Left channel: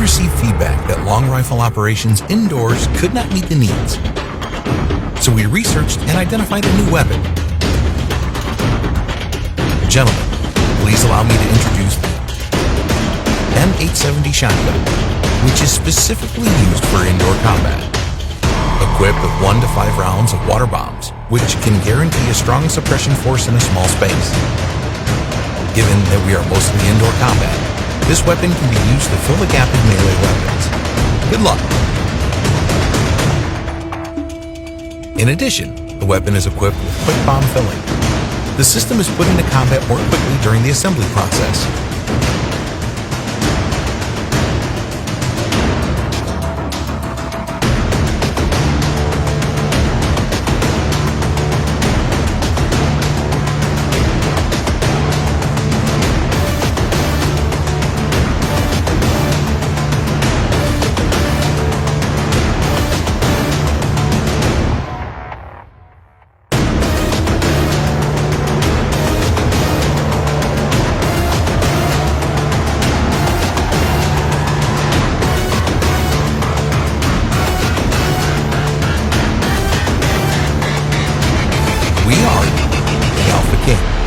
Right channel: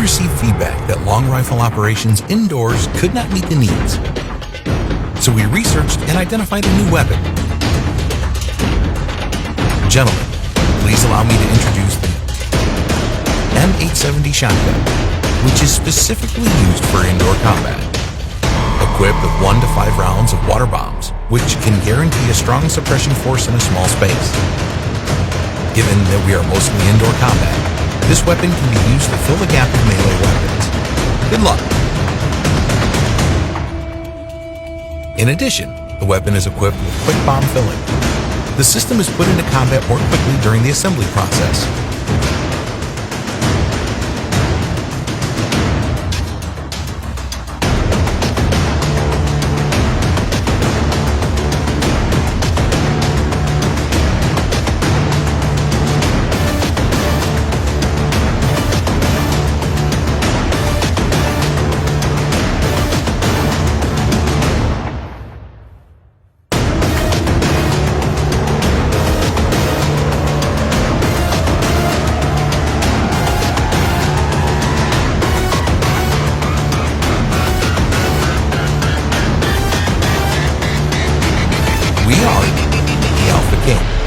received feedback that long rifle operations indoors could not meet the needs. So we researched and identified a new weapon. Gentlemen, please allow me to introduce the M870 shotgun, which is specifically used for indoor combat. Equipped with 1 to 5 rounds of water bombs, which can guarantee a strong suppression force in a small space. Given that we are mostly indoor combat, this weapon can be used to fill the gap of melee weapons. Good luck! In addition, the weapon is equipped with quick bomb filling. The system is put into combat more quickly during the assembly process. We are the Alpha King.